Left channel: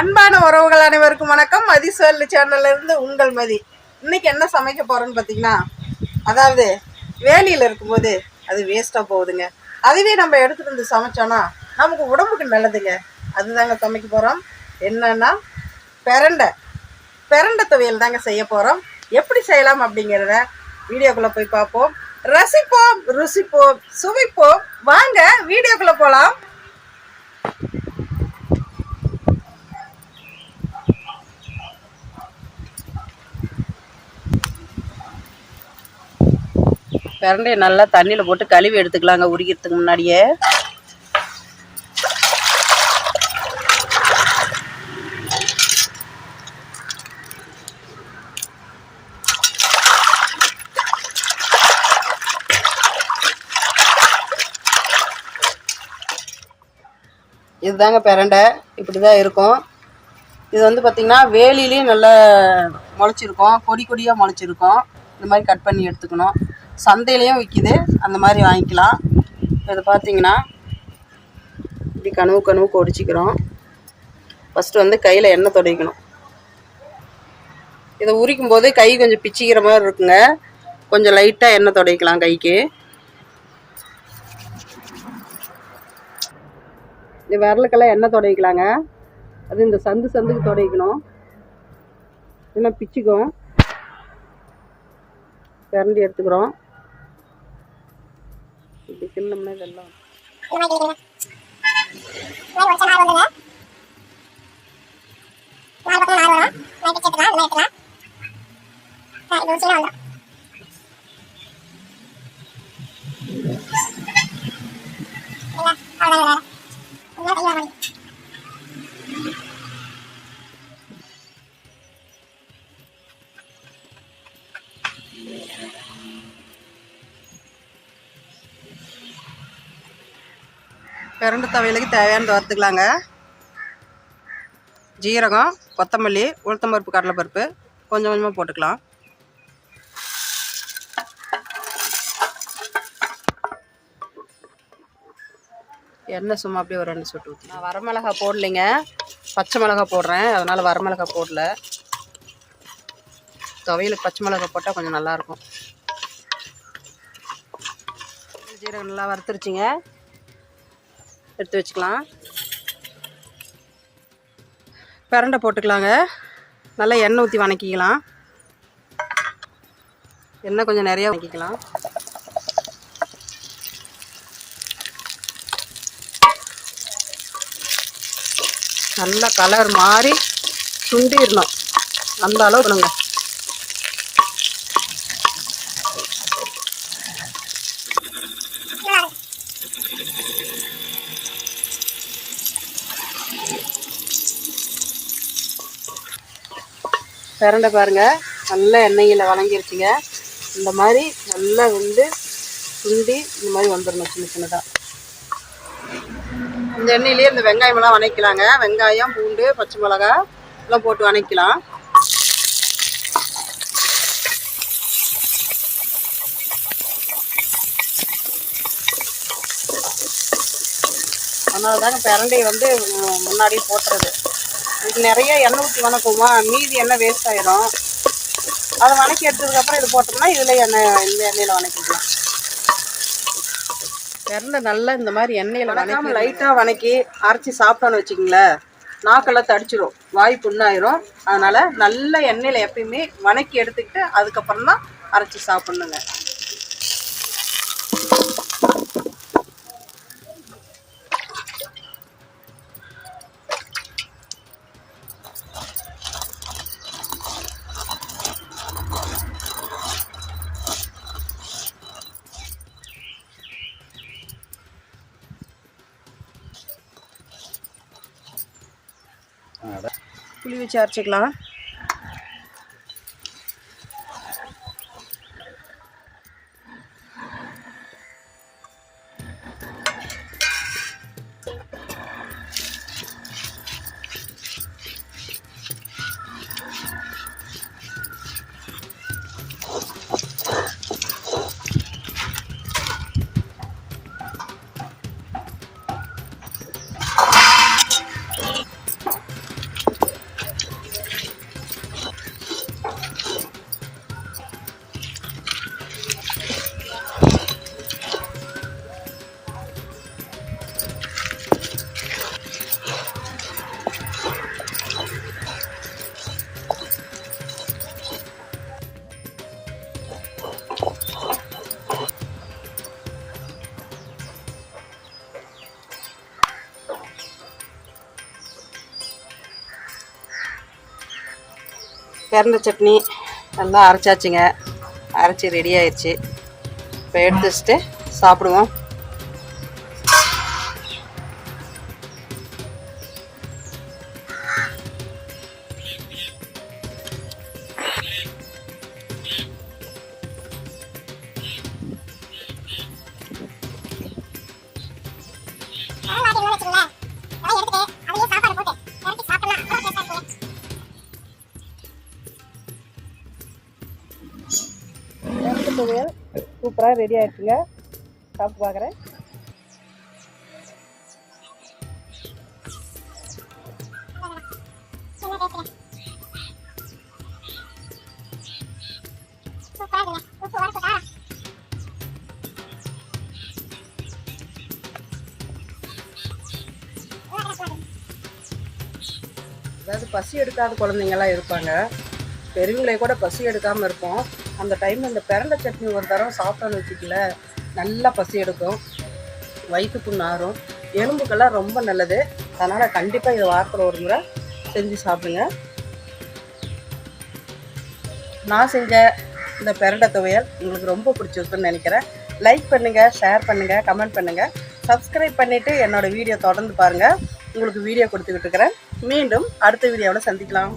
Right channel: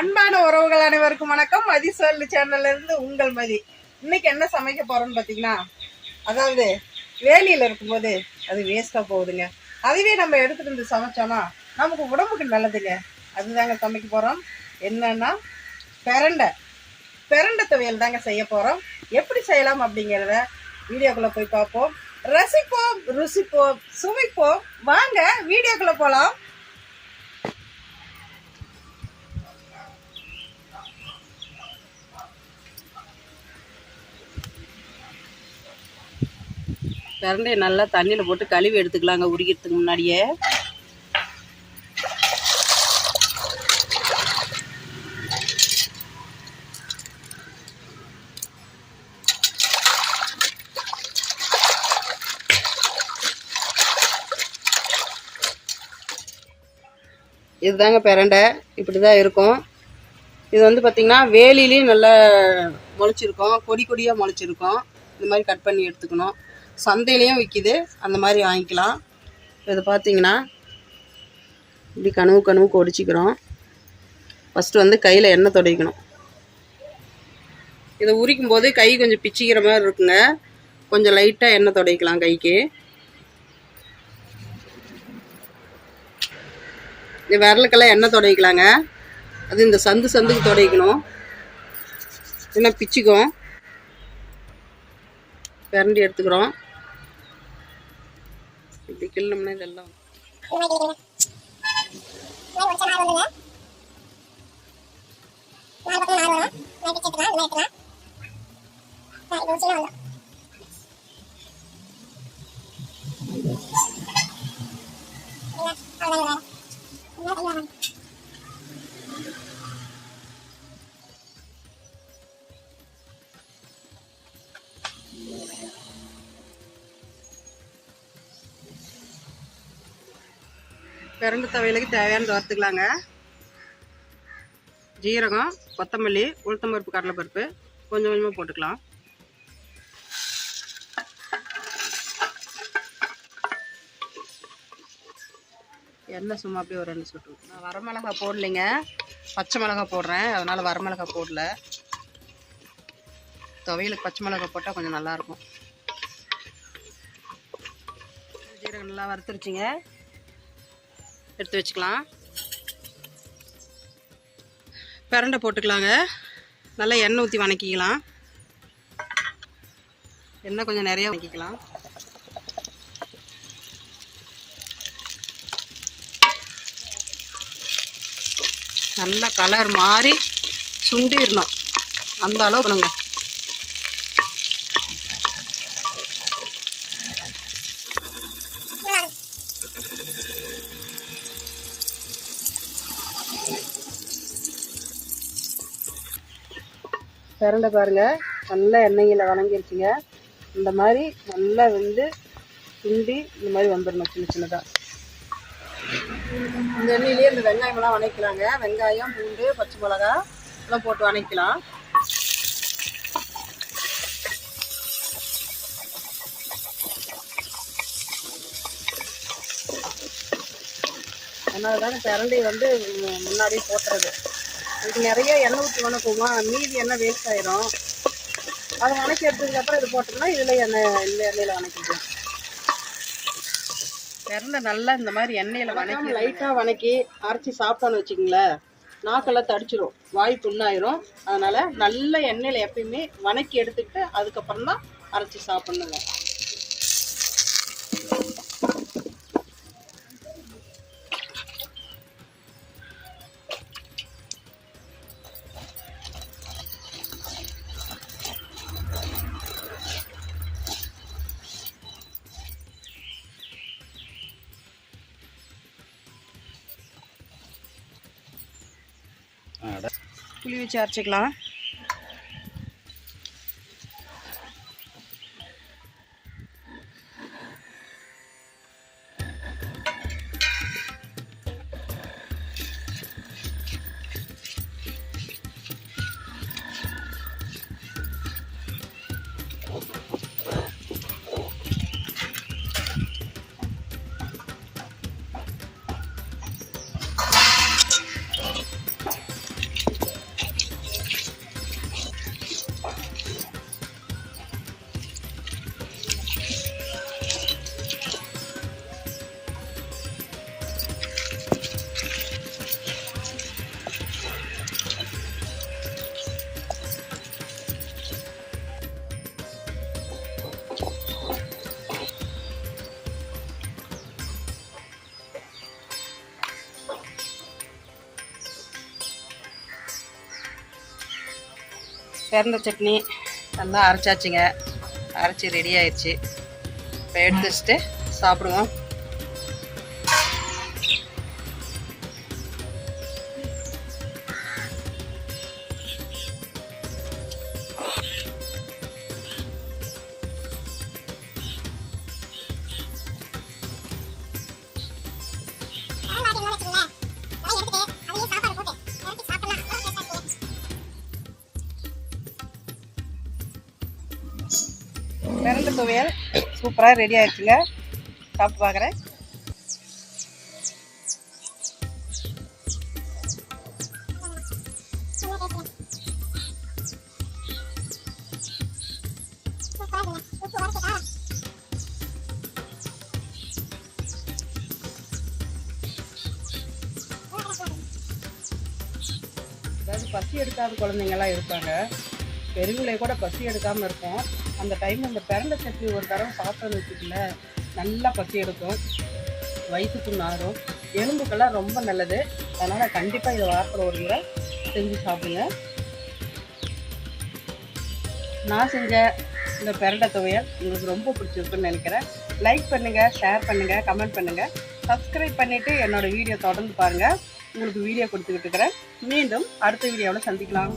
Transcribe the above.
அன்பான உறவுகள் அனைவருக்கும் வணக்கம். மதி சொல்லு சேனல்ல இருந்து உங்கள் மதி. இன்னைக்கு என்ன சமைக்க போறோம்னு பார்த்தீங்கன்னா, அதாவது வேலியில் இருக்கும்போது அது வேஸ்ட்டாக போகுதுங்க. அதுவே நம்ம எடுத்துகிட்டு வந்து சமைச்சோன்னா நமக்கு உடம்புக்கு நல்லதுங்க. அதுதாங்க சமைக்க போகிறோம். என்னன்னா பெரண்டை துவையல் தாங்க செய்ய போகிறோம். எப்படி செய்யலாம் அப்படிங்கிறத வீடியோக்குள்ளே போய் பார்ப்போம், ரசிப்போம், ருசிப்போம், சுவைப்போம். வாங்க வீடியோக்குள்ளே போகலாம். பிரண்டையை நல்லா தண்ணியில் போட்டு கழுவி எடுத்துக்கலாங்க உரிக்கிறதுக்கு முன்னாடியே. இதுதாங்க பிரண்டை, இப்படி தான் இருக்கும். இது வந்து பார்த்திங்கன்னா வேலிலையும் நல்லா முளைச்சிருக்கும், கொடி கொடியாக முளைச்சிருக்கும். இந்த மாதிரி கட் பண்ணி எடுத்துக்கணும். சந்தையிலையும் விற்கிது, அந்த மாதிரி வாங்கிக்கலாம். இதை பார்த்தீங்கன்னா இப்படி கனவு ஒடிச்சிக்கிறோம். ஃபஸ்ட்டு வந்து கையில் எண்ணெய் துடைக்கணும். இதை உரிக்கும் போது கை கொஞ்சம் பிச்சிக்கிற மாதிரி இருக்குங்க. கொஞ்சம் லைட்டாக எண்ணெய் துடைக்கலாம் கைக்கு. இந்த விரலுக்கெல்லாம் எண்ணெய் துடைக்கலாங்க. அது இந்த சந்துக்கு துடைக்கணும், இல்லைன்னா பிச்சுக்கும். பிரண்டி எடுத்துக்கிறோம். இப்படி கிள்ளோம்னா இதெல்லாம் பிரண்டை துவையலுக்கு தேவையானது வறுத்துக்கலாங்க. ஜீரகம், கொத்தமல்லி, உளுத்தம்பருப்பு, கடலைப்பருப்பு கொஞ்சம் கொஞ்சமாக போட்டுக்கலாம். எண்ணெய் சும்மா அப்படியே ஒரு 2 சொட்டு ஊற்றி. நான் வரமிளகா போடலைங்க, பச்சை மிளகா போடுறேன். அதனால் வரமிளகா போடல. துவையலுக்கு பச்சை மிளகா போட்டால் கொஞ்சம் நல்லாயிருக்கும். ஜீரகம் நல்லா வறுத்துருச்சிங்க, எடுத்து வச்சுக்கலாம். பிரண்டை போட்டுக்கலாங்க. நல்லா எண்ணெய் ஊற்றி வணக்கிக்கலாம். எண்ணெய் கொஞ்சம் நிறையா வணக்கிக்கலாம். நல்லா கலர் மாதிரி சுண்டிடணும், அந்த அளவு பண்ணுங்க. பிரண்டை பாருங்கள் நல்லா எண்ணெயில் வணங்கிருச்சுங்க. இந்த மாதிரி நல்லா வந்து சுண்டி இந்த மாதிரி வந்துடணும் சின்ன சின்னதாக. இந்த எண்ணெயிலேயே இந்த வெங்காயமெல்லாம் வணக்கலாங்க. வெங்காயம், பூண்டு, பச்சை மிளகா எல்லாம் போட்டு வணக்கலாம். அதனால தாங்க பிரண்டையை வந்து முன்னாடியே போட்டுறது. இது நிறைய எண்ணெய் ஊற்றி வணக்குமா, மீதி எண்ணெய் வேஸ்ட் ஆகிடும். அதை வணக்கி எடுத்ததுக்கப்புறம் இது போட்டோம்னா இதில் இந்த எண்ணெயில் வணக்கிக்கலாம். பிரண்டை நல்லா இந்த மாதிரி எண்ணெயில் வணக்கி லைட்டாக வணக்கி அரைச்சி சாப்பிட்டோன்னு வச்சுக்கிங்களேன், நாக்கெல்லாம் தடிச்சிடும், வாய் புண்ணாயிரும். அதனால் நல்ல எண்ணெயில் எப்பயுமே வணக்கி எடுத்துக்கிட்டு அதுக்கப்புறம் தான் அரைச்சி சாப்பிட்ணுங்க. புளி வச்சு அரைச்சிக்கலாம். பிரண்டை சட்னி நல்லா அரைச்சாச்சுங்க. அரைச்சி ரெடி ஆயிடுச்சு. இப்போ எடுத்து வச்சுட்டு சாப்பிடுவோம். பிரண்டை துவையல் சூப்பராக ரெடி ஆயிடுச்சுங்க. சாப்பிட்டு பார்க்குறேன். அதாவது பசி எடுக்காத குழந்தைங்களாம் இருப்பாங்க, பெரியவங்களே கூட பசி எடுக்காமல் இருக்கும். அந்த டைம் இந்த பிரண்டை சட்னி ஒரு தடவை சாப்பிட்டோன்னு வச்சுக்கல, நல்லா பசி எடுக்கும், வயிற்று புண்ணு ஆறும், எலும்புக்கெல்லாம் ரொம்ப நல்லது. அதனால் கண்டிப்பாக இது வாரத்தில் ஒரு முறை செஞ்சு சாப்பிடுங்க. நான் செஞ்ச இந்த பிரண்டை துவையல் உங்களுக்கு ரொம்ப பிடிச்சிருக்குன்னு நினைக்கிறேன். லைக் பண்ணுங்கள், ஷேர் பண்ணுங்கள், கமெண்ட் பண்ணுங்கள், சப்ஸ்கிரைப் பண்ணிவிட்டு என்னோடய வீடியோ தொடர்ந்து பாருங்கள். உங்களுக்கு வீடியோ கொடுத்துக்கிட்டு இருக்கிறேன். மீண்டும் அடுத்த வீடியோவில் சந்திக்கலாம்.